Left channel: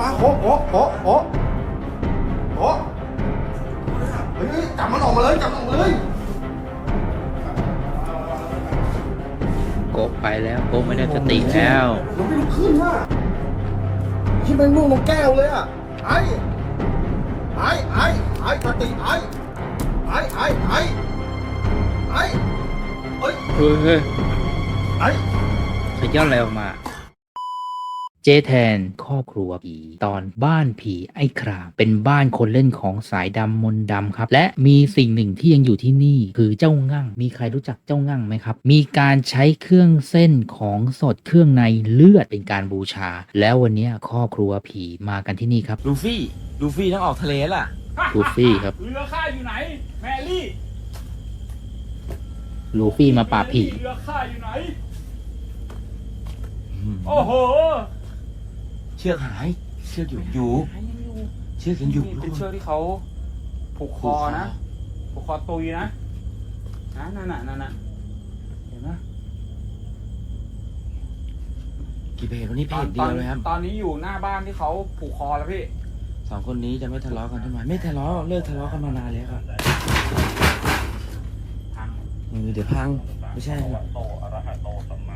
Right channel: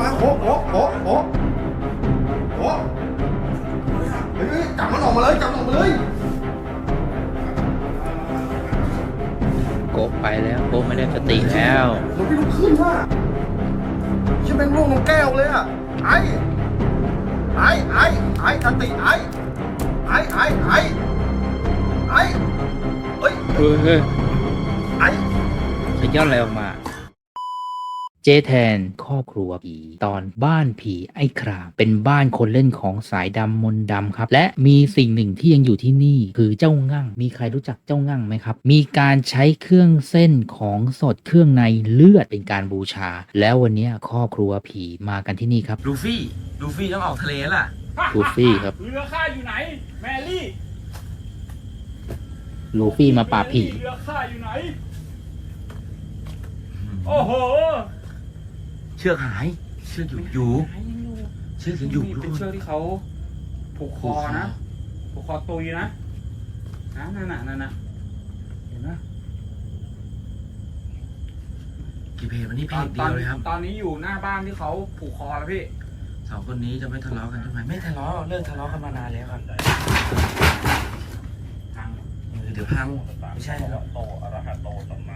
ปลาโคโคโคโคโคเฮ้ยจับมันออกมาเลยจับมันออกมาเลยโกะไปแล้วโกะไม่ได้สติแล้วเราไม่ลุกขึ้นว่ะชิบแม่งร่วงลงแก้วเลยอะไอ้ไอ้ไอ้ไอ้สติไอ้ไอ้ไอ้ไอ้ไอ้เฮ้ยเฮ้ยเฮ้ยไอ้ขย้อนอะไรออกมา เจแทนครอบครัวผีตอนบ้านผีไอ้ครามเป็นบ้านคนเล่นของสายดำมนต์ดำครับ และมีสิ่งหนึ่งที่ยังอยู่ที่นี่ คือเจ้างั่ง มีใครรู้จักเจ้างั่งไหมครับ มีการใช้เครื่องเส้นของสดเครื่องในเลือดเป็นการบูชา แล้ววันเนี้ยครอบครัวผีมากันที่นี่ครับลูฟี่ลูฟี่ต้องออกทะเลล่ะลูฟี่ครับเรือข้าอยู่ไหนแมรี่ลูฟี่มาปราบผีเรือข้าอยู่ไหนโอ้โห เชือกหาย เชือกอยู่อยู่เชือกยังอยู่นี่เป็นเชือกที่เขาผูกคอนะผูกคอตุยนะนะนั่นน่ะนั่นน่ะเห็นไหมกี่เพจวันนี้เพจเดียวเลยครับตอนนี้อยู่หน้าบ้านที่เขาผูกคอแล้วพี่ สองคนนี้จะไม่ทะเลาะกันทำไมไม่ทะเลาะเลิกทะเลาะกันมานานแล้วครับทาง เออเดี๋ยวพัง ไม่ใช่หรอก โตอะระหะโตสัมมา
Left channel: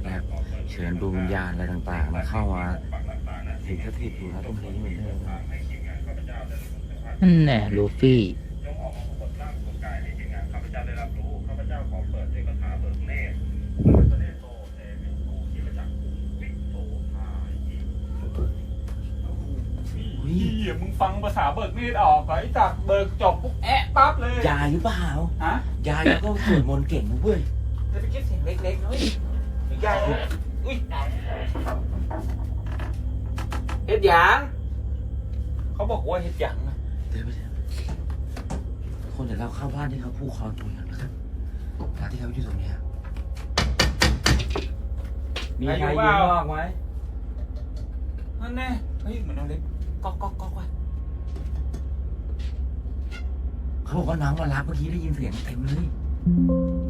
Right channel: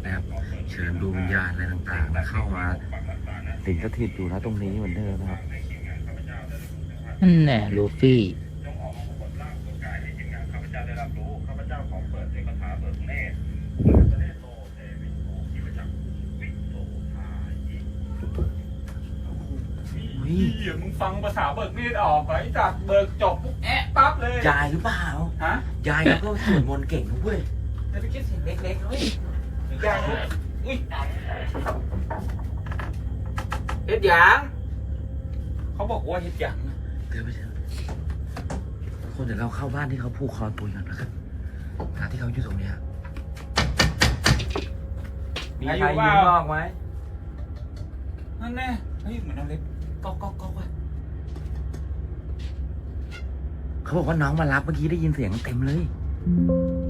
ตรนะครับเชิญดวงวิญญาณอะไรต่างๆนะเข้ามาสิงสถิตอยู่นะตรงนี้เหมือนเดิมนะครับนั่นแน่ลูฟี่จงออกมาปรากฏร่างปรากฏกายให้ทีมงานข้าพเจ้าได้รับรู้ข้าพเจ้าขอเปิดด้วยคาถาเบิกเนตรสหัสสเนโตเทวินโททิปจักขุงวิโตทายิพี่มึงฟังภาษาเบิกเนตรออกไหมจับเบิกจบปุ๊บแอะปั๊บเลย ยายหรือเปล่า ฮะ ยายก็สวดมนต์เก่งนะเว้ยจะไปคิดเสียงเล็กๆเฮ้ย ใหญ่นะอุ้ยเฮ็ดหยางเขาบอกว่าเฮ็ดหยางนะเดินไปเถอะคนเดี๋ยวเราเข้าบ้านที่เขาผูกคอตัวกันนะครับขณะที่เขาอยู่ตรงเนี้ยมีใครอยู่เปล่าไหมนั่นแน่เฮ้ยเหมือนน้ำเล็กก๊อกก๊อกก๊อกว่ะเขาบอกว่าน้องมารับเมื่อกี้ได้ยินเสียงเต็มเลย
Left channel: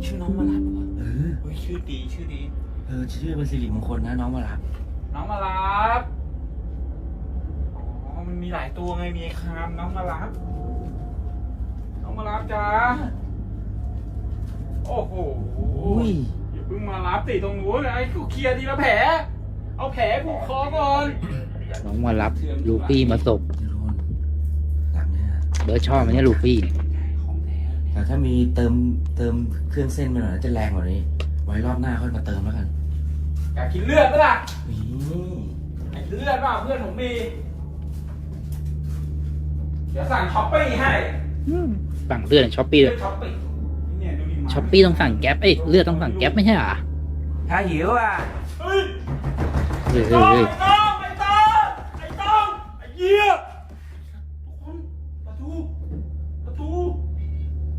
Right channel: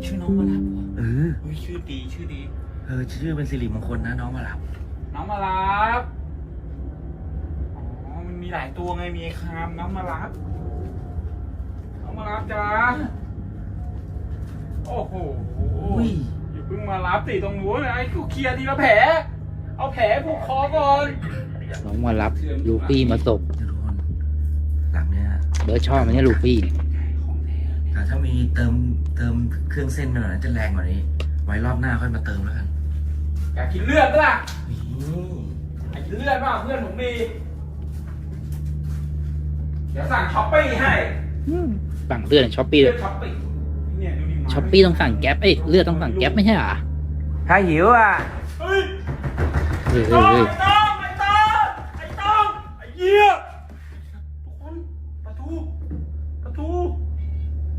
ชื่อน้องมารับเหรอเออ เฮ้ยชื่อดีชื่อดี ออชื่อเป็นสิริมงคลนะน้องมารับน้องมารับอ๋อมันมีหลายตัวไงมีไอ้คามน้องมารับ น้องมารับจ้าโอ้โหอุ้ยอย่าเพิ่งมารับติตรงนู้นนะไอ้กูเคลียร์ทีละแผลเอาแผลผูกคอก่อนน้องมารับลูฟี่มาส่งทุกคนหลังเนี้ยเบิร์ดชอบไหมเนี่ยลูฟี่ของแท้แต่ถ้ามีเติมเติมเครื่องเส้นไปหน่อยน่าจะแรงกว่านี้ ไว้รอบหน้าค่อยมาเติมแล้วกัน อยากกินเลือดปะล่ะนี่อยากกินเลือดป่ะเพื่อนผมมี เดี๋ยวสั่งช้อปปี้ให้สั่งเลือดช้อปปี้เลืเลอยดช้อปปี้เนี่ยดูดิมาช้อปปี้ต้องสั่งแก๊ปเอ้ยเลือดต้องสั่งแก๊ปไม่ใช่เหรอถ้าหิวอะเฮ้ยเฮ้ยไอ้เฮ้ยต้อเฮ้ยงไอ้ต้องไอ้ต้องไอ้เหี้ยทุกคนประตูประตู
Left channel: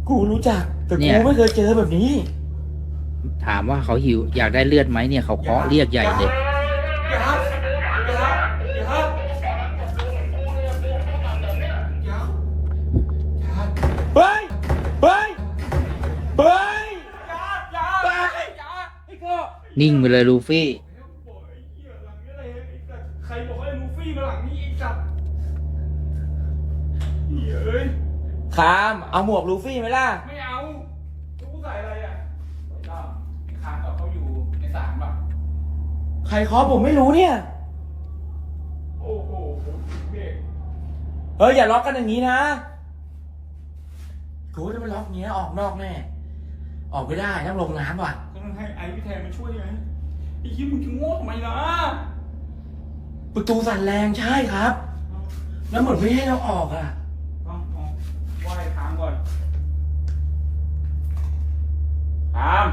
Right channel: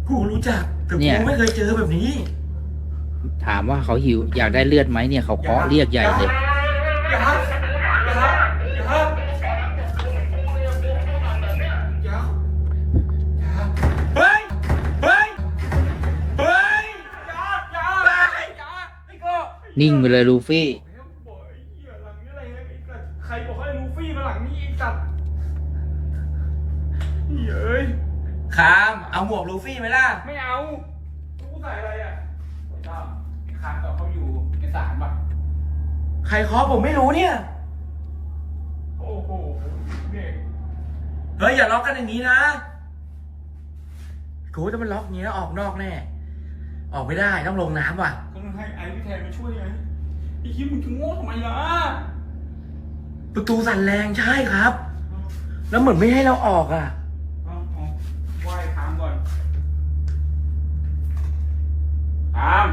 กูรู้จักแต่กูไม่เคยเจอแบบนี้ ถามว่าเขาหิว อยากได้เลือดไหมเนี่ยเขาเคาะเรียกใหญ่เลยอย่าครับอย่าครับอย่าครับอย่าอย่าเฮ้ยเฮ้ยเฮ้ยอย่าอย่าอย่าไอ้ก็นิ่งไปเลยลูฟี่ใครบอกให้ลูฟี่มาหลังนี้ไอ้สัตว์เฮ้ยคาม เอาหมวกลูฟี่ไหมล่ะ ไม่เอา ใครเคาะผมไม่รู้เนี่ย โอ้โหเบรกเฮ้ยอย่าล็อกกันอย่างนี้นะกูถ้ามันล็อกอย่างนี้แล้วออกนอกแน่ ออกไม่ได้ต้องลงน้ำว่ะ ก็ต้องให้ไอ้พี่แทนมาช่วยไงไอ้คิดมึงจะโง่ทำไมล่ะ ประตูสั่นแรงใช่ครับ แล้วเหมือนไม่ให้เราออกอะเอาเอาไหว้คางก่อนคาม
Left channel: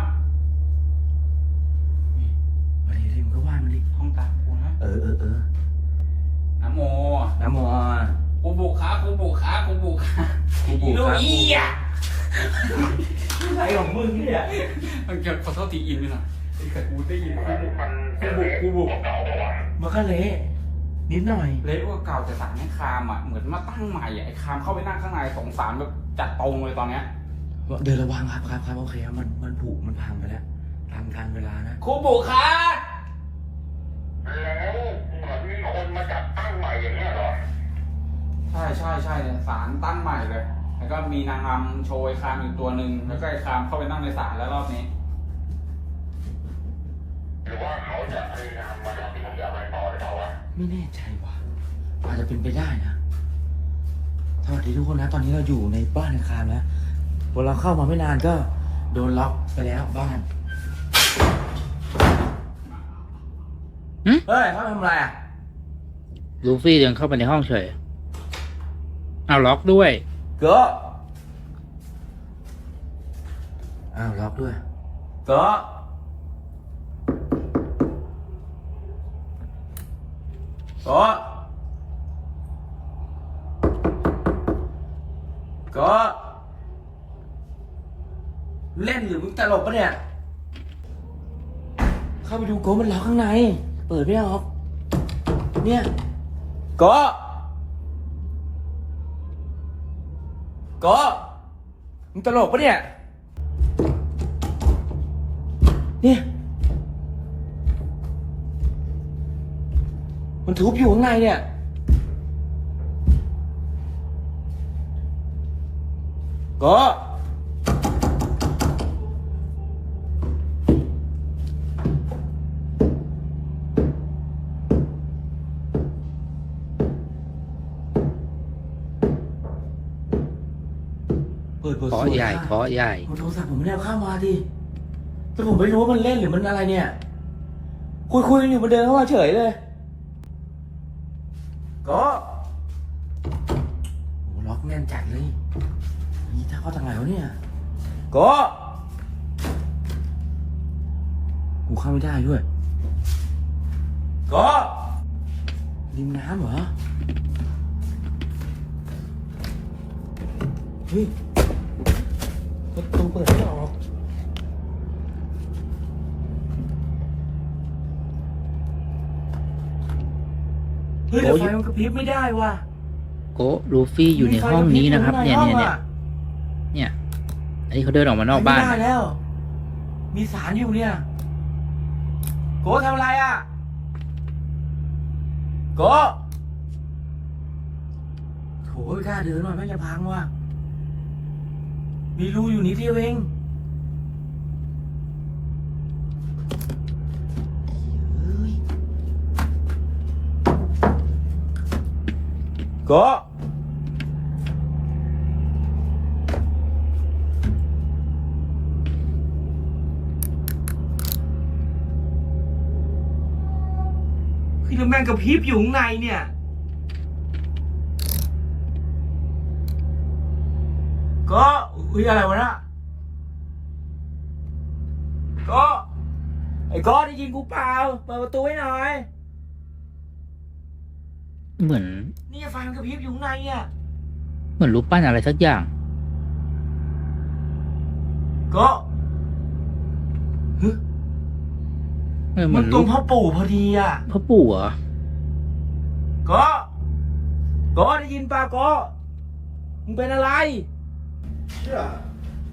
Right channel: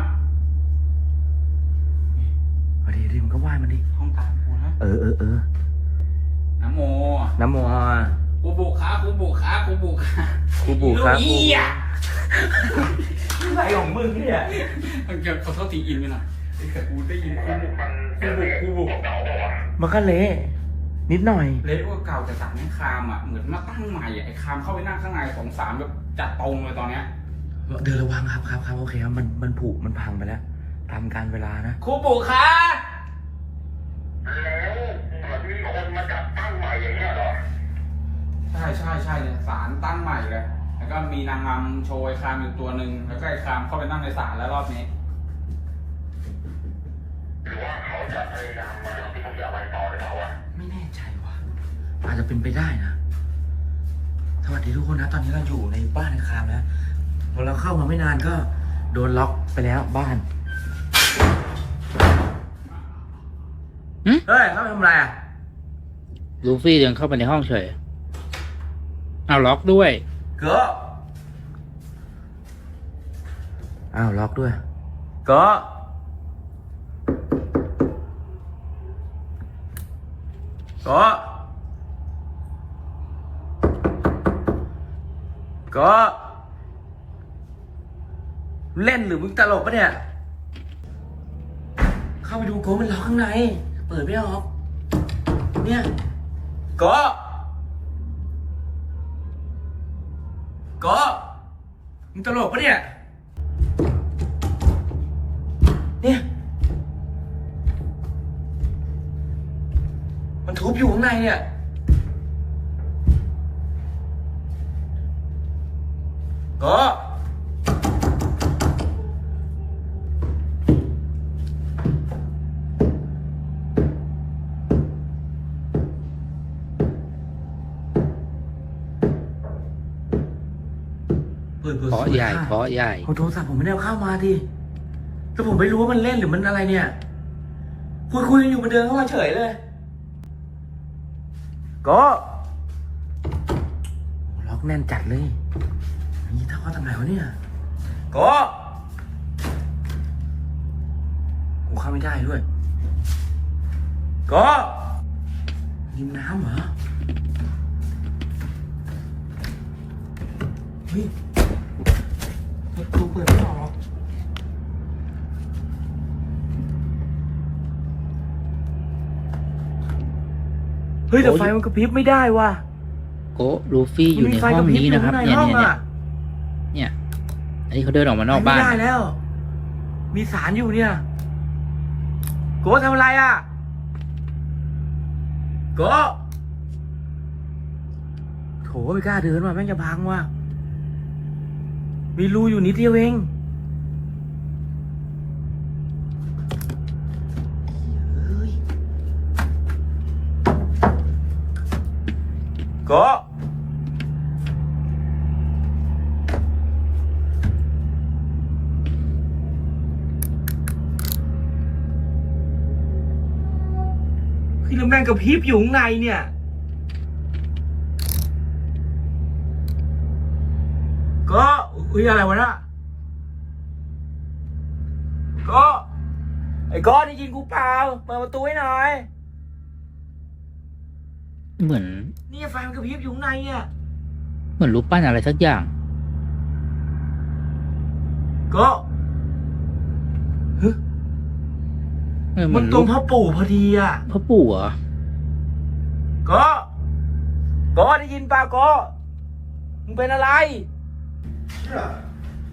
เออเออเออนะโมน้ำมัวกูบุกขากูบุกขากูบุกขากูบุกครับลูกเหี้ยอะไรของมึงเนี่ยมันเกิดขอโทษทีอินไปหน่อยไอ้แต่กูได้ยินกูบุกกูบุกกูบุกมันก็เละนิดหน่อย เลดโอเก่าจะสั่งให้คามอะเหมือนมาตั้งใหม่อะไอ้คามเข้าไปนั่งข้างในสงสารแบบจัดตรงเลยตอนเนี้ยเดินระวังครับครับครับโอเคครับมันมันผุมันพังไปแล้วตามการเวลานะครูปู่คะแช่ใช่ใช่เนี่ยศาลตั้งใหม่เลย แล้วก็มีนางงามโชว์ไอ้คามอยู่ตัวหนึ่งแล้วก็ไอ้คามเข้าไปนั่งในศาลแล้วรอบนี้หรือว่าเขาจะให้นำมาแล้วที่ผมจะเอาไปต่อหรือเปล่าวะไม่แน่ใจว่ะอาจจะเป็นไปได้นะสวัสดีทุกคนนะ ตอนนี้เราอยู่ในบ้านในคามแล้วพอเราเข้ามาไม่นานก็โดนล็อกไปแล้วบ้านหึเฮ้ยเขาทำอะไรอะ ลูฟี่เดินเข้าไปในห้องเฉย เอาล็อกด้วย ก็อ้าวล็อกด้วย ก็ก็ก็เล่นหรือมึงตลกปะเนี่ย เข้าไปดูโก้มันล็อกข้างใน เปิดไม่ออก เนี่ย ก็ก็ มึงตลกปะเนี่ย เนี่ย มันทุบอยู่ข้างในเนี่ย ก็าะใหญ่สวยอะเคาะใหญ่ผมโทรศัพท์ผมไม่ได้เอาเข้ามาดิแต่ผมไม่รู้ว่ามันเล่นหรือมันอะไรเนี่ย คุยคุยกันอยู่มันเดินเข้ามาเฉยเลย ก็โอ้ล็อกแน่นจัดเลยนี่ถ้าเขาจากไหนวะเนี่ยก็กูเข้าไม่ได้ด้วยก็ริมน้ำเหรอ เฮ้ย ประตูเปิดไม่ออกเฮ้ยแต่ไฟมันกระพริบไม่ได้ว่ะโกะลูฟี่อยู่ในห้องนี้นะครับ เนี่ยเนี่ยเนี่ยเนี่ย อันนี้เขาเดินออกมานอกบ้านไม่ได้แล้ว มีสารอยู่เนี่ยโกทำอะไรอะโกโถไม่กล้าเดินว่ะแม่งจะพังว่ะ มีรูอยู่นิดเดียวเองโก็พี่แล้วแม่งกระพริบอยู่ข้างในเนี่ย ก็เฮ้ยอะไรวะน่ะก็ไอ้ก็ได้ยินกูเปล่าเปิดประตูให้หน่อยเหมือน นี่ไฟมันกระพริบอยู่ข้างในเนี่ยเหมือนรูปปั้นอะไรสักอย่าง ก็เออเหมืมัอนนตรรูงปพ่อปู่พอดีอะ พ่อปู่เหรอก็ก็ได้ยินเปล่าก็มึงเป็นอะไร เชี่ย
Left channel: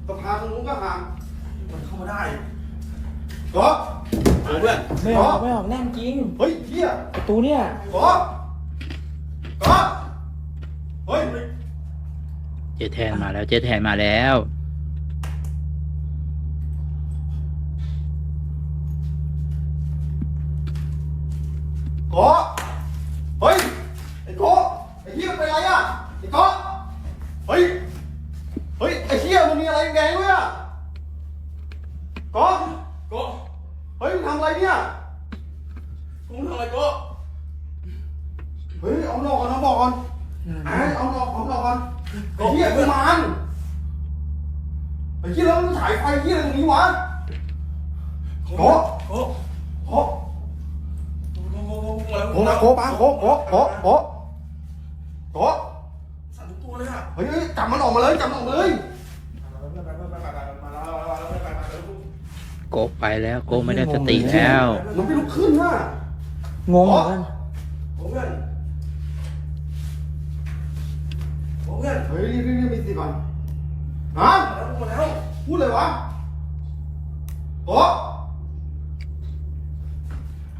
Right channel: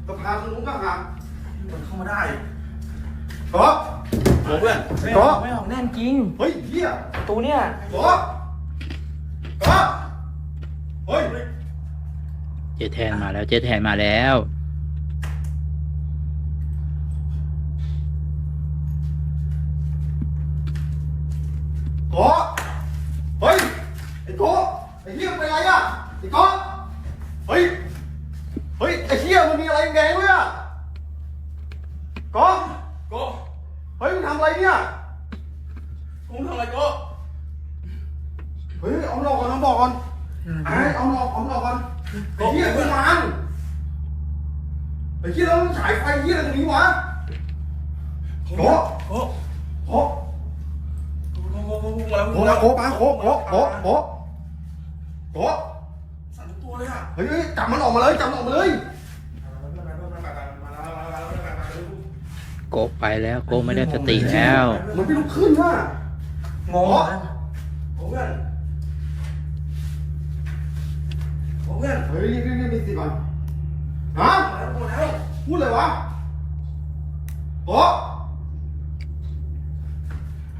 ก็พาทางนู้นก็หาเข้ามาได้ก็โอ้เพื่อนไม่อก็อกไม่ออกแน่นจริง เฮ้ยเฮียประตูเนี่ยก็ก็เฮ้ย เจแทนมาแล้ว เจแทนมาแล้ว ไอ้เฮียกูมันไอ้เฮียแล้วมึงฉายไฟเฮียอะไรตรงนี้วะโก็โก็โก็โอ้โหโอ้ปาโอ้โอ้โอ้โอ้โอ้สั่นตัวเลยอะเฮ้ยจับมันออกมาเลยจับมันออกมาเลยโกไปแล้วโกไม่ได้สติแล้วมันไม่ลุกขึ้นว่ะงงเพื่อนผมเพื่อนเฮ้ยรีบรีบรีบมีสติก่อนฮะหมดแล้วพูดเลยวะโอ้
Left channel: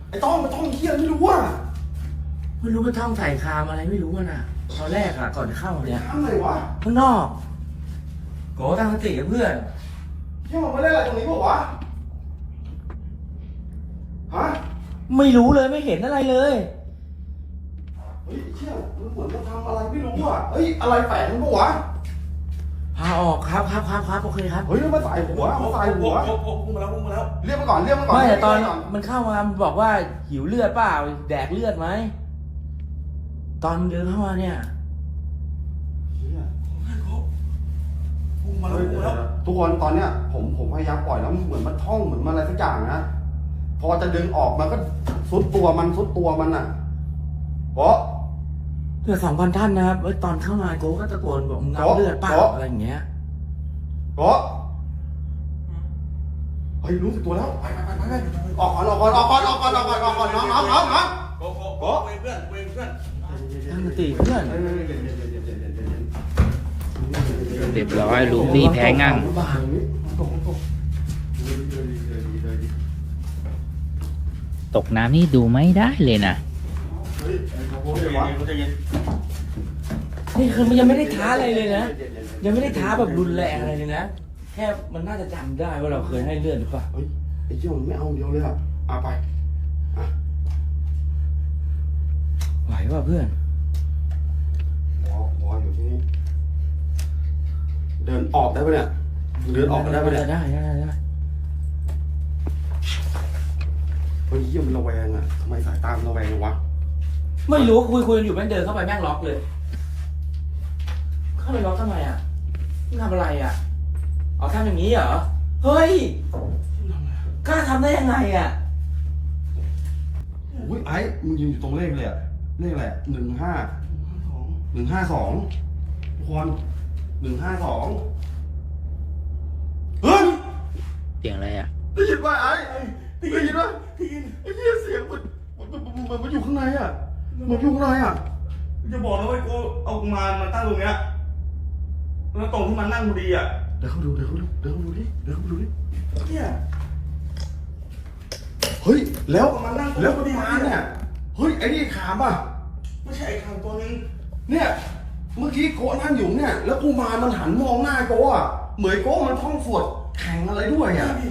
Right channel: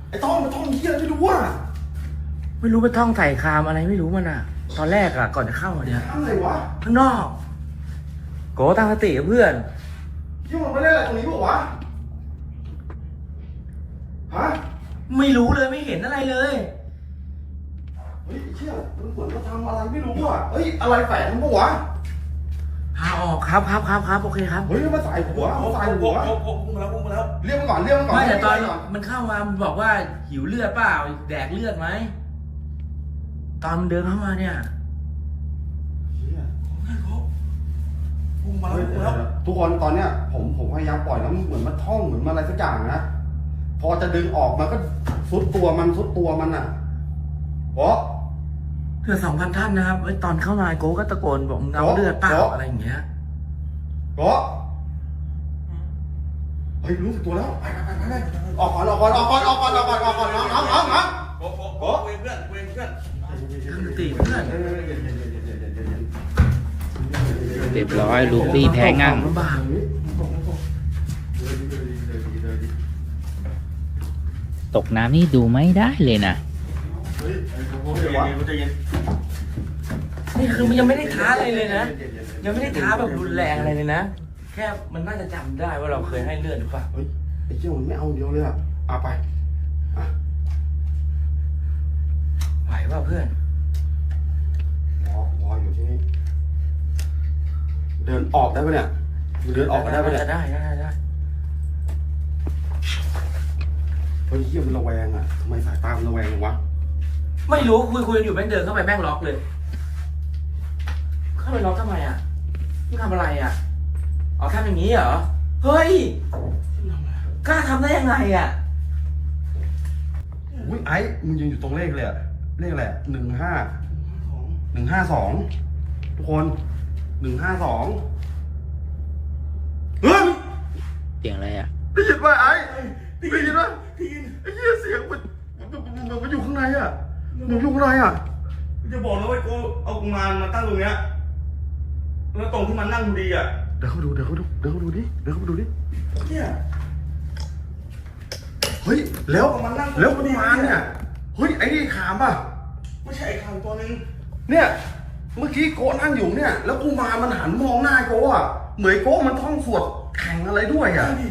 ไอ้ต้องมันต้องเที่ยไม่รู้ว่าไม่รู้เป็นท่องใส่คามอะไรไม่รู้มันอะ ตอนแรกอะก่อนจะเข้าเนี่ยอะไรวะข้างนอกโกตั้งสติกับเพื่อนเที่ยมันไม่ได้อะไรตรงนี้บอกวะฮะไม่รู้เลยไม่เห็นอะไรเลย เฮ้ยไอ้เชี่ยมันเหมือนจะทำอะไรไม่รู้อะเฮ้ยอะไรแฝงมันปะวะพาออกครับครับครับครับโอเคครับเฮ้ยมันใส่หัวมันใส่หัวพุ่งมาแล้วพุ่งมาแล้วเรียกมันก่อนเรียกมันก่อนไม่แต่ตอนเรียกมัก่มันเข้ามามันบอกว่าหิวเลือดเปล่าแดกเลือดไหมตอนมันเดินเข้ามาเนี่ยพุ่งมาแล้วพุ่งมาแล้วทุกคนตอนเนี้ยผมผมพยายามปล่อยแล้วมันเหมือนมันท่องเหมือนมันอะไรสักอย่างนะพอจะดึงออกมันก็ซุดตัวมันซุดตัวมันอะเพราะ เพื่อสองพันท่านนะครับไอ้ตอนเข้ามาโกก็ตะโกนบอกมึงเอาเลือดเปล่าโอ๊ะอะไรอย่างเงี้ยเพราะเฮ้ยรู้สึกตัวแล้วไปไปไปไปออกก่อนออกก่อนออกก่อนออกก่อนออกก่อนออกก่อนน้องน้องน้องน้องโอ้โหโอ้เพื่อนเพื่อนเพื่อนตั้งสติเพื่อนเรียบร้อยลูฟี่แพ้งั่งตกน้ำนี่ดูไม่ได้เลยนะ เฮ้ยใจเย็นใจเย็น นี่คือมันยังไม่ได้ท้าอะไรเลยนะ ยังไม่ได้ท้าแบบรุนแรงอะไรเลยนะ แค่มันน่าจะจำได้ว่าเราเคยให้เลือดหรือเปล่า เฮ้ยไอ้เจ้ามันไม่เอาเดียวเลยอะเอาไปอะไหวเปล่าเพื่อนวอวออยู่ที่นี่ เดินออกได้ปะเนี่ยเดินออกได้ปะเนี่ยได้ได้ได้ได้เฮ้ยเยี่ยมนระแวงอะทำไมสายตามันระแวงวะ ไม่รู้คุยคุยอยู่แม่งเดินเข้าไปแม่งล็อกเลย เข้าไปล็อกทำไมอะมึงทำอะไรอะอ๋อทำอย่างนี้เหรอ เฮ้ยกล้าทำได้ยังไงอะอุ้ยไอ้มึงยืนอยู่ตรงเลขเลยอะเลขอะไรหนึ่งห้าหนึ่งห้าสองทุกคนหนึ่งห้าสองเฮ้ยเสียงอะไรอะได้ยินป่ะไอ้ได้ยินป่ะได้ยินไอ้เหี้ยเสียงมันมันมันมันอยู่ข้างในอะมันอยู่ข้างในอะจะบอกนะว่ากูเอากุมารมาตั้งตรงเนี้ย แล้วตรงที่มันนั่งพอดีอะ เดี๋ยวเขาดูเดี๋ยวเขาดูเดี๋ยวเขาดูดิเดี๋ยวเขาดูดิเนี่ยเฮ้ยแล้วมันนั่งแล้วมันมาเนี่ยเฮ้ยไอ้นี่ขามอะไม่ใช่ไอ้คำตัวนึงเนี่ยเมื่อกี้โก้นั่งอยู่เนี่ย แล้วกูมามันหันมองหน้าโก้อะเหมือนโก้มันท่องสวดแข่งอะไรด้วยอะดิ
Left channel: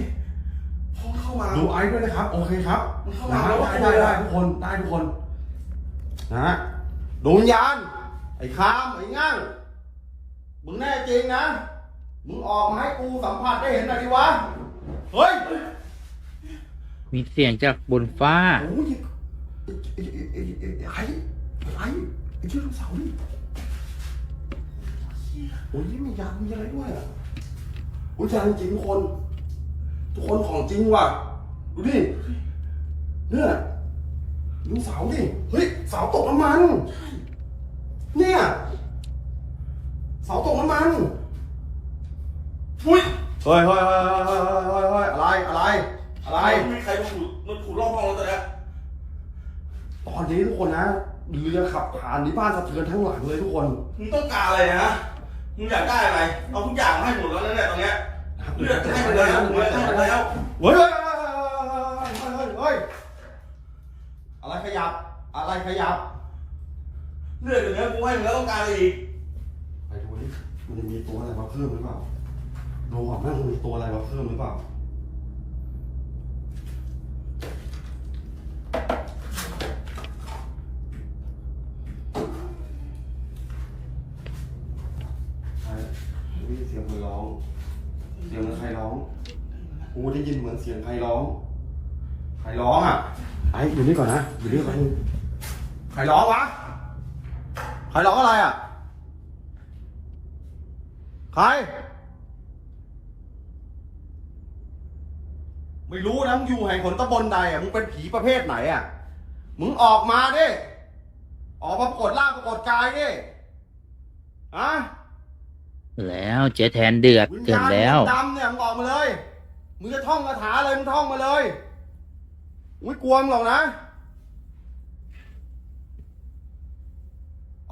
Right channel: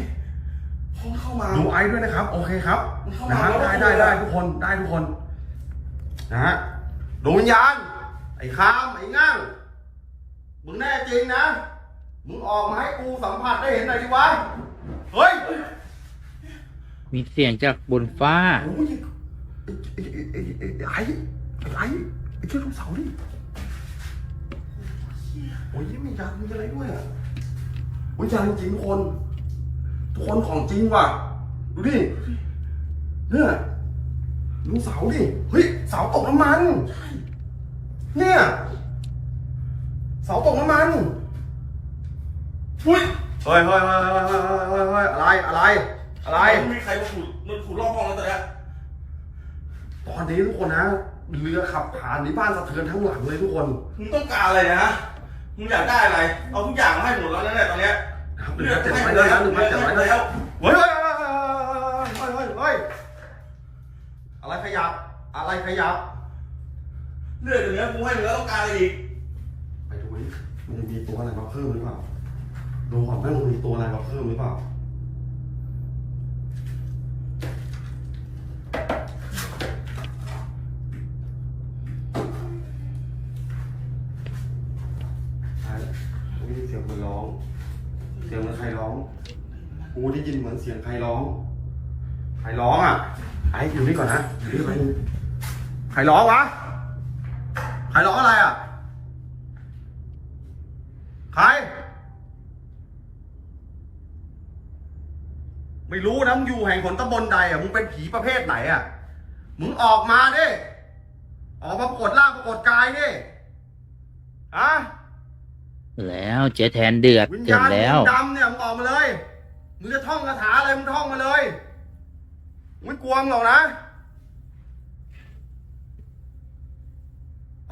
พอเข้ามาดูไอซ์ด้วยนะครับ โอเคครับมันเข้านะมาฮะแล้วได้ก็ได้ตัวได้ทุกคนได้ทุกคนนะฮะดวงวิญญาณไอ้คามไอ้งั่ง มึงแน่จริงนะ มึงออกมาให้กูสัมผัสได้เห็นหน่อยดิวะ เฮ้ยมีเสียงจากบนฟ้า โอ้ยไอ้ไอ้ไอ้ไอ้ไอ้ไอ้ไอ้เจ้าลูกเสาดิโอ้ยไม่อยากมีอะไรด้วยอะโอ้ยจริงจริงทุกคน ทุกคนของจริงว่ะ ดูดิ เนี่ยดูเสาดิ เฮ้ยเสาตกน้ำมัน เนี่ย เสาตกน้ำมันอุ้ยเฮ้ยเฮ้ยเฮ้ยเฮ้ยเฮ้ยเฮ้ยเฮ้ยอะไรอะไร อะไรไม่มีใครมาขุดมันขุดร่องห้องแล้วแต่ตอนนี้ทุกคนนะเรือขับผ่านในบ้านสะเทือนทั้งหลังเลยทุกคนมึงต้องการอะไรนะ มึงอยากได้อะไร เอาทุกอย่างมาให้หมดแล้วนั่นแหละตอนเนี้ยเลือดให้ไปแล้วเลือดให้ไปแล้ว เฮ้ยเฮ้ยเฮ้ยเฮ้ยเฮ้ยอะไรขยับ อะไรขยับ เลือดอย่างเงี้ยกูให้มึงแล้วต้องการอะไรอีกไปดู มันมีตัวอะไรมาเพิ่มหรือเปล่า ดูก่อนว่ามันมีตัวอะไรมาเพิ่มหรือเปล่าใช่ได้ยินเสียงคนร้อง เสียงเหมือนใครร้อง กูได้ยินเหมือนเสียงใครร้อง ใครร้องอะ ไอ้อยู่นี่ก่อนนะอยู่นี่ก่อนใครร้องวะใครร้องอะไรอะ ใคร ไม่รู้นะมึ งอยู่แห่งหนตำบลใดอะมึงเป็นผีประเภทไหนอะมึงออกมาดิออกมาปรากฏร่างปรากฏกายดิฮะแล้วเจ๊แทนเดือดวิญเกิญาดณแล้วดำเนี่ยมึงออกมาเลยมึงจะท่องคาถาอะไรมึงท่องมาเลยมึงไม่กลัวมึงหรอกนะ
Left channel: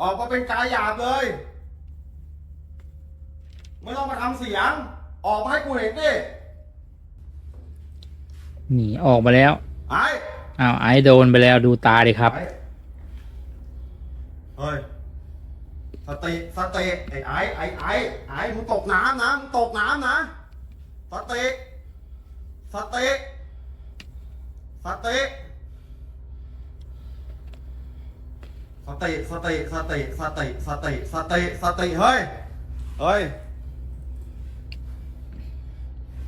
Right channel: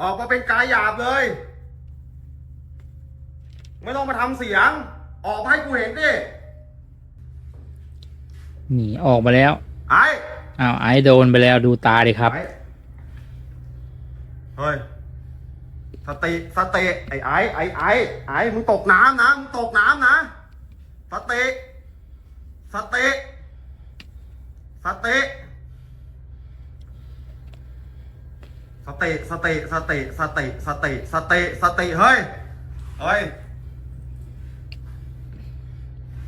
ออกมาเป็นกายหยาบเลย ไม่ต้องมาทำเสียง ออกมาให้กูเห็นดิ หนีออกมาแล้วไอ้อ้าวไอซ์โดนไปแล้วดูตาดิครับ ไอ้เฮ้ย สติ สติ ไอ้ไอ้ไอ้ไอ้ไอ้มึงตกน้ำนะ มึงตกน้ำนะ สติ สติ สติ สติ สติ สติ สติ สติ สติ สติ เฮ้ย เฮ้ย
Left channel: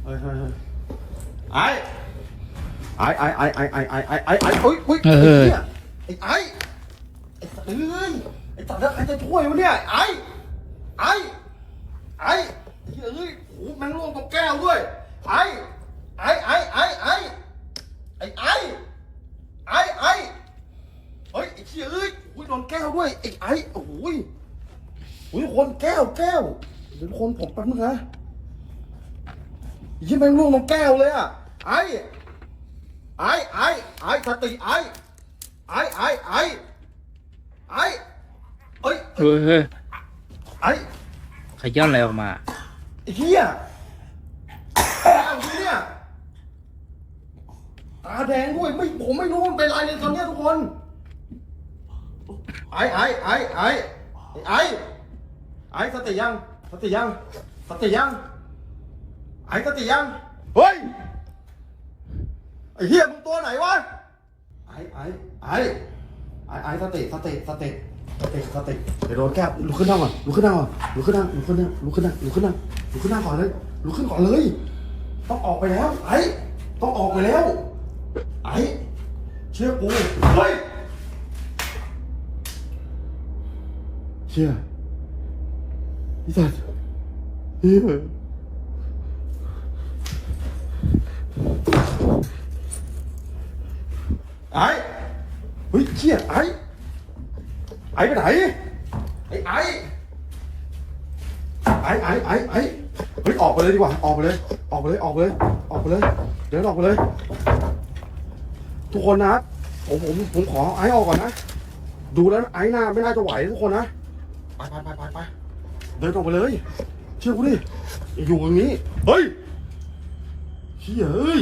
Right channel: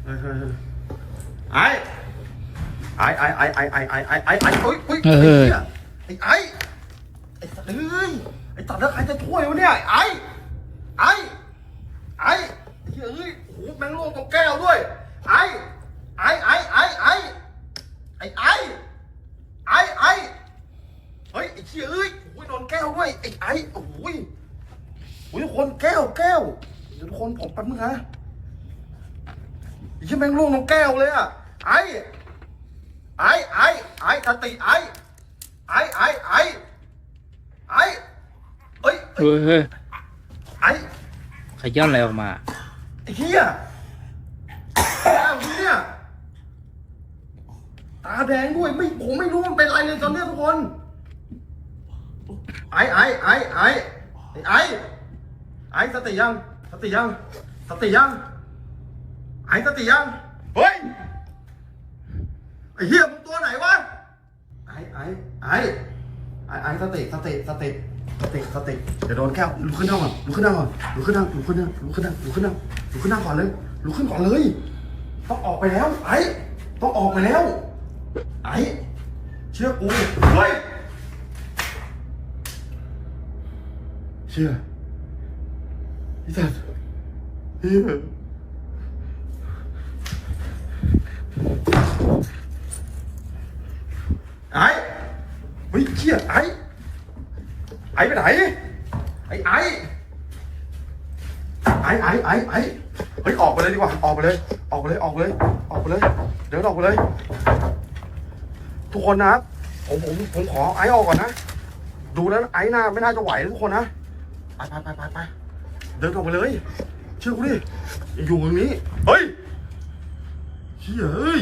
เฮ้ยเฮ้ยเฮ้ยไอ้ ไอ้ไอ้ไอ้ไอ้ไอ้ไอ้ไอ้ไอ้ไอ้เฮ้ยเฮ้ยเออไอ้ไอ้ไอ้สัตว์เอ้ยไอ้สัตว์แล้วใครจะช่วยวะเนี่ยไอ้ไอ้ไอ้ไอ้เฮ้ยโอ้โหแมงลงตรงแก้วด้วยไอ้ไอ้ไอ้ไอ้ไอ้ไอ้ไอ้ไอ้ไอ้เฮ้ยไอ้เชี่ยเอ้ยโอ้ยโดนแก้วด้วยไอ้ไอ้โอ้โหยโอ้ยทุกคนแก้วแก้วเดี๋ยวทุกคนผมแป๊บนึงนะไอ้เชี่ยแมงลงตรงแก้วเลยอะไอ้ไอ้ ไอ้ไอ้สติไอ้ไอ้ไอ้ไอ้ไอ้เอ้ยเฮ้ยเฮ้ยไอ้ขย้อนอะไรออกมาไอ้เหี้ยตาเหี้ยตาแดงด้วยไม่ผมไม่รู้มันเป็นอะไรเลยตอนเนี้ยทุกคนไอ้ไอ้ไอ้ไอ้ไอ้ไอ้สติยังสติยังสติยังไอ้สติยังเฮ้ยไอ้เหี้ยมึงตัวไหนวะไอ้ ไอ้ไอ้ไอ้ไอ้สติสติสติสติสติเดี๋ยวโดนแก้วลุกขึ้นนั่งก่อนลุกขึ้นนั่งก่อนลุกขึ้นนั่งลุกขึ้นนั่งลุกขึ้นนั่งลุกขึ้นนั่งลุกขึ้นนั่งก่อนเลยลุกขึ้นก่อนเลย ต้องออกไปแล้ว ไอ้ต้องออกไปแล้ว ไอ้เชื่อกูเฮ้ยเชื่อไอ้สัตว์เฮ้ยไอ้ เฮ้ยเชี่ยไอ้ไอ้ไปไหนไอ้ไอ้ไอ้ไอ้ไอ้ไอ้เฮ้ยออกไปเลยดีกว่าออกไปเลยออกไปเลยออกไปเลยออกไปเลย เดินออกไปเลย ทุกคนนะผมผมผมขอไอซ์ออกก่อนนะดูแล้วไอซ์น่าไม่น่าจะไหวทุกคนนะไปไปไปไปเดินออกไปเลย เชื่อกูดิอยู่ตรงนี้เฮ้ยเชี่ยเฮ้ย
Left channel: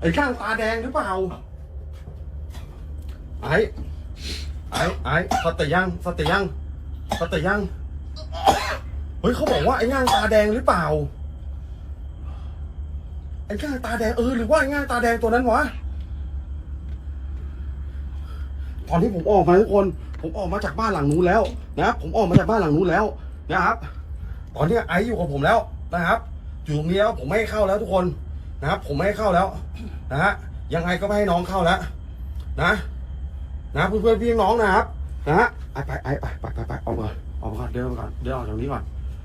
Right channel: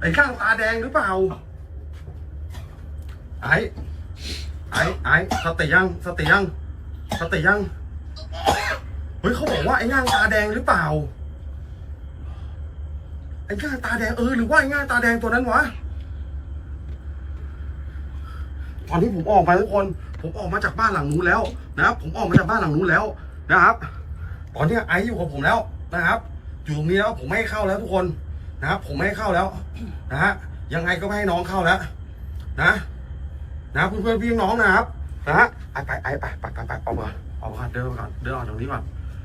ไอ้ข้างตาแดงหรือเปล่า ไอ้ไอ้ไอ้สติยังสติยังสติยังเฮ้ยเขาบอกว่าไอ้ง่างตาแดงหรือเปล่าไอ้ง่างตาแดงเออหรือว่าไอ้ง่างตาแดงตัวนั้นวะตอนนี้ผมออกมาทุกคน ผมออกมาจากบ้านหลังนู้นแล้วนะครับ ผมออกมาจากบ้านหลังนู้นแล้วนะครับ ตอนนี้ไอซ์อยู่กับผมแล้วนะครับอยู่ตรงนี้แล้วผมไม่ให้เข้าแล้วทุกคนนะครับ ผมไม่ให้เข้าแล้ว นะฮะยังไงก็ไม่ให้น้องเข้าแล้ว นะ นะเพื่อนๆพี่น้องนะครับนะไอไปไอไปไปไปไปออกมาออกมาก่อนเดินออกก่อนเดินออกจากนี้ก่อน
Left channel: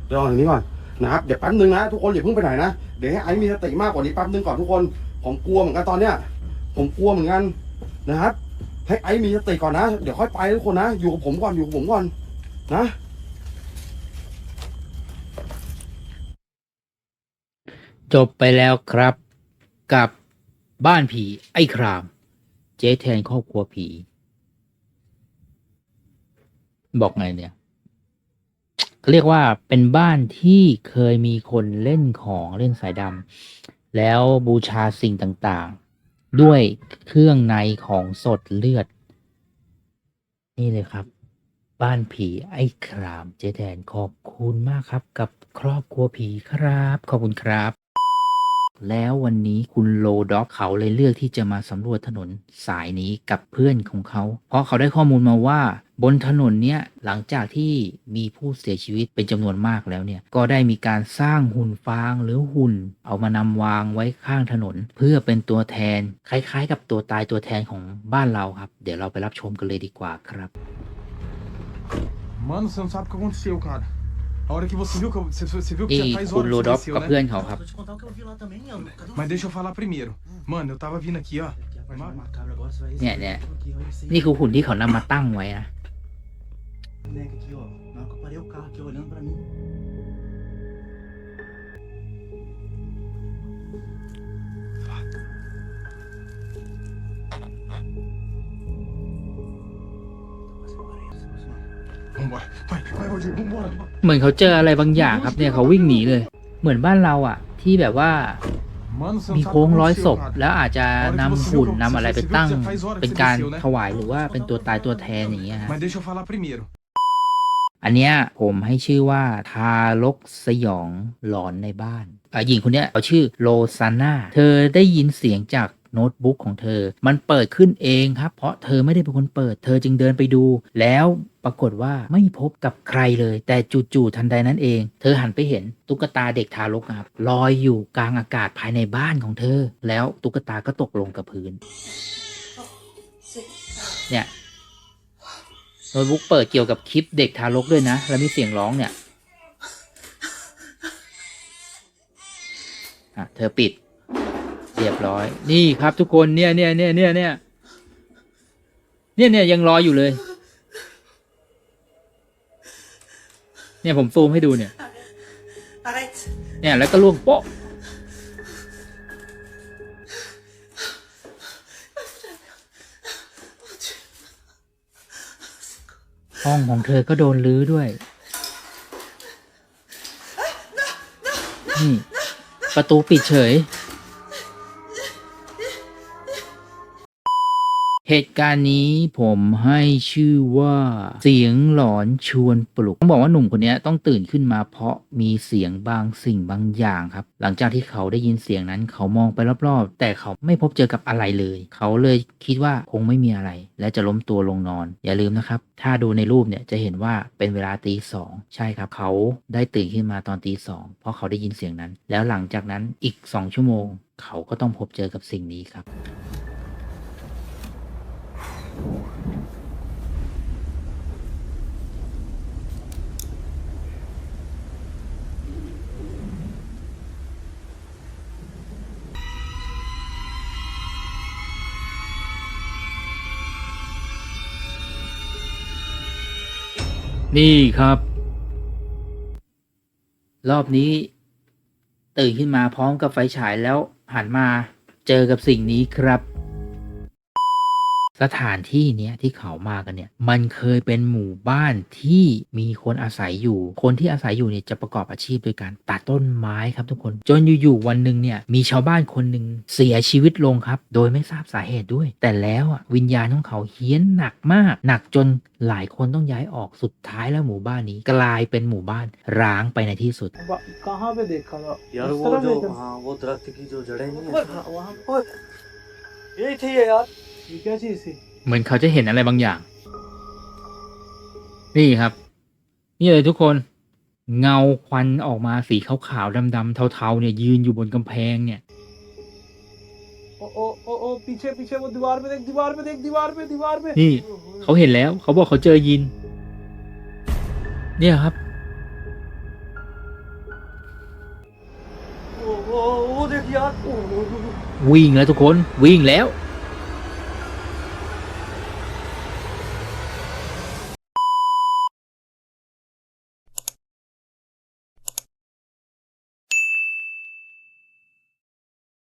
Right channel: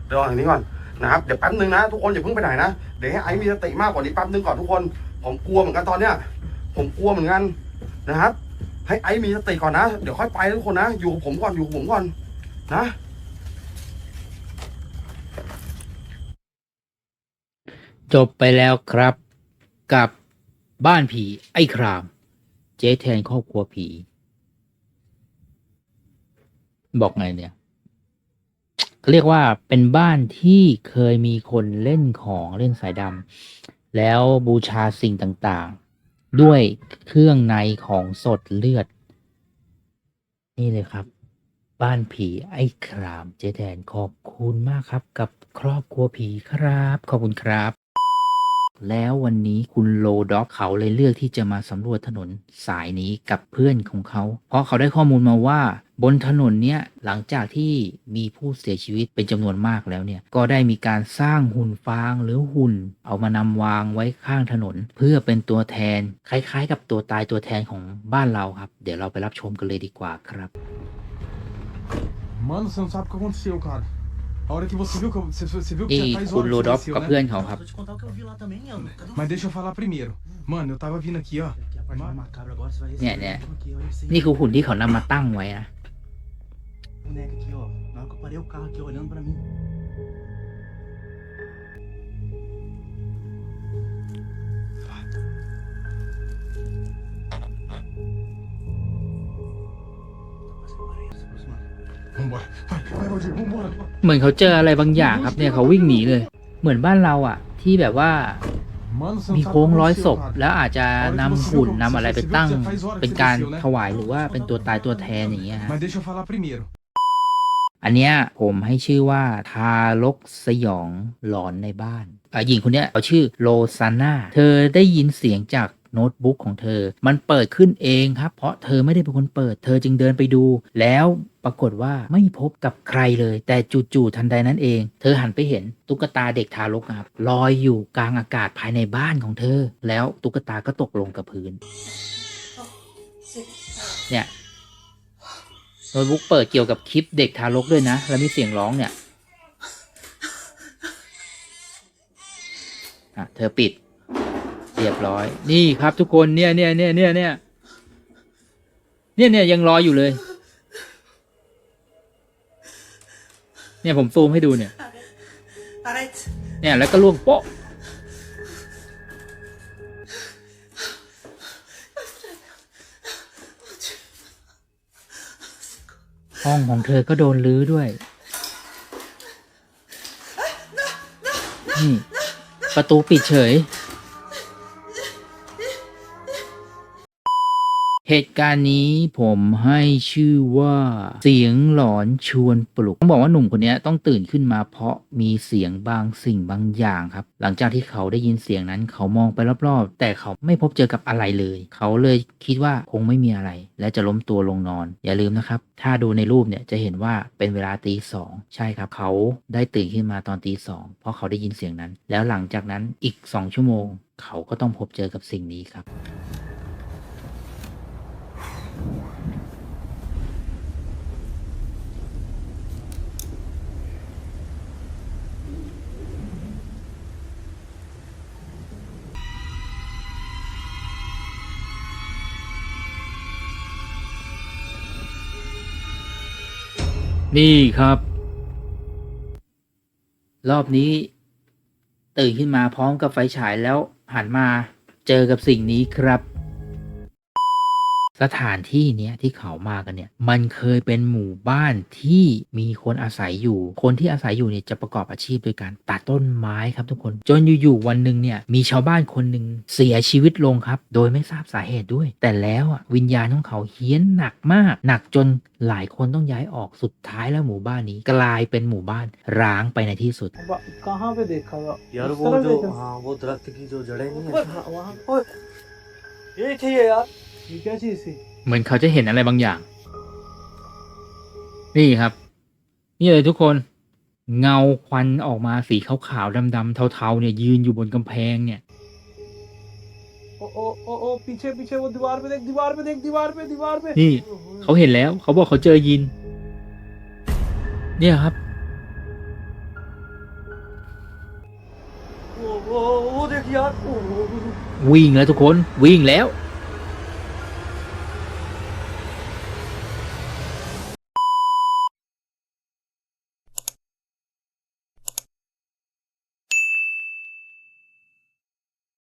เดินออกจากนี้ก่อนนะครับเดี๋ยวแป๊บนึงนะทุกคนอย่าเพิ่งไปไหนนะเดี๋ยวให้ไอซ์มีสติมากกว่านี้แป๊บนึงก่อนทุกคน ผมกลัวเหมือนกันตอนเนี้ยผมกลัวเหมือนกันนะครับ ให้ไอซ์มีสติก่อนนะเดี๋ยวค่อยไปทุกคนนะอยู่กับผมก่อนอยู่กับผมก่อนนะจบไปแล้วครับกับบ้านผีไอ้คราม เจ๊แทนครอบครัวผี บอกไงเนี่ยเขาเรียกว่าเป็นบ้านที่เคยมีคนเล่นของเล่นสายดำแล้วบูชาสิ่งต่างๆ ด้วยเครื่องในของสดเลือด นี่เลยครับ บ้านผีไอ้ครามเจ๊แทนขอบคุณมากครับ กับครอบครัวผีครับ ขอบคุณครับ แล้ววันนี้คุณโลด็อกเขาเลยเลือกที่จะมาสำรวจถนนสายนี้กับเพื่อนของเขา เพราะเขาได้ข้อมูลมาว่าบนถนนเนี้ยหลังจากที่มีผู้เสียชีวิตเป็นจำนวนมากแล้วเนี่ยก็ได้มีการสร้างหุ่นฟางหรือหุ่น เอามานำวางไว้ข้างถนน เพื่อเป็นตัวแทนคล้ายๆ กับตัวตายตัวแทนของบ้านเราครับ เดี๋ยวเราไปรับชมกันเลยดีกว่าครับ Mano, você não sabe o que aconteceu, cara. A hora que você viu que eu, você, você viu que นี่ já faz คุณ horas โล que ด็อก aconteceu, กับ né? เพื่อนเขาครับ Vou te contar o que eu vi lá também, Leandro. Cadê o Mas deixa eu falar primeiro. Mano, eu tava vindo aqui, ó. Aqui a parte mais macabra agora, você vai Né, receber né. aqui, olha isso aí. นี่คือหุ่นที่เขานำมาตั้งไว้นะ boneca aqui, ó. Na hora que eu parei o carro aqui olhando pra mim. Quase parei, se aproximando. Vambora. Vai, vai, Valdir, vambora. เหมือนเขาเจออะไรบางอย่างครับเนี่ยเขาวิ่งหนีเลย เหมือนบ้านเราอะ ที่แบบว่า Mano, você não มี sabe โค้ง o que ร้อยศ aconteceu, พ cara. แล้วอาจจะนำหุ่นนำอะไรไปตั้ง Você viu que faz hora que เป็นการ aconteceu, né? ถวายหรือว่าเป็นตัวตายตัวแทนอย่างเงี้ยฮะ Mas deixa eu falar primeiro. อันเนี้ยผมให้ชื่อว่าทารกสยองหลอนในบ้านอะหญิงคนเนี้ยเขาชื่อโลซาน่าเธอได้ยินเสียงจากโน้ตบุ๊กของเธอ มันเปิดขึ้นเองครับ เพราะเธอไม่ได้เป็นคนเปิด เธอจึงเดินไปดู แล้วปรากฏว่าไม่พบกับใครเลย แต่จู่ๆทันใดนั้นเอง เธอหันไปเห็นตุ๊กตาเด็กทารกครับลอยอยู่กลางอากาศภายในบ้านของเธอ แล้วตุ๊กตาก็ตกลงกับพื้น เนี่ย โน้ตบุ๊กเปิดเกี่ยวกับคลิปเด็กทารกด้วยนะ แล้วมีเสียงร้องเนี่ยอะเธอปิด เรียบร้อย นี่ครับทุกคนเนี่ยเนี่ยเนี่ยเนี่ยเนี่ยเนี่ยเนี่ยยังรออยู่เลย เนี่ยผมซูมให้ดูเนี่ย เนี่ยแล้วก็ล่วงโป๊ะ ห้องของเธอก็โดนลื้อด้วย นี่ ประตูปิดเฉย เหตุการณ์นี้ผมให้ชื่อว่าเสียงหลอนชวนปลุก ต้องบอกว่าหนุ่มคนนี้ต้องตื่นขึ้นมาเพราะมีเสียงบางสิ่งบางอย่างครับ หลังจากที่เขาได้ยินเสียงนั้น เขามองไปรอบๆ แต่เขาไม่พบเจอกับอะไรเลย เขาเลยคิดว่าคงไม่มีอะไร และจะล้มตัวลงนอน อย่าลืมนะครับ ถ้าดูในรูปเนี่ยจะเห็นว่าเป็นเวลาตีสองใช่ครับ เขาได้ตื่นขึ้นมาตอนตีสองเพราะเขาได้ยินเสียงนั้น แล้วหลังจากนั้นอีกสองชั่วโมง เขาก็ต้องพบเจอกับสิ่งนี้ครับ นี่ครับ รอบนี้ ตื่นขึ้นมาพร้อมกับไฟฉายแล้วหันมาเจอกับสิ่งนี้ครับ สถานที่เนี้ยที่เขามากันเนี่ยมันเคยเป็นหมู่บ้านที่มีคนอาศัยอยู่ คนที่อาศัยอยู่เนี่ยจะประกอบอาชีพโดยการตัดต้นไม้ครับทุกคน จนอยู่ๆวันหนึ่งเนี่ยมีชาวบ้านคนหนึ่งเสียชีวิตลงครับ โดยไม่ทราบสาเหตุด้วย แต่แล้วอะวิญญาณของเขาเฮี้ยนหนักมาก หนักจนหลายคนต้องย้ายออกสุดท้ายแล้วหมู่บ้านนี้ กลายเป็นหมู่บ้านร้างไปในที่สุด เหมือนเขาจะเห็นอะไรบางอย่าง นี่ครับ นี่เลยทุกคน เงาควันออกมาสีขาวๆดำๆเทาๆเนี่ยยืนอยู่บนกำแพงเนี่ยนี่เขาเห็นแล้ว เขาบอกเขาเจอยิน เนี่ยครับวิ่งแล้วทุกคนวิ่งแล้ว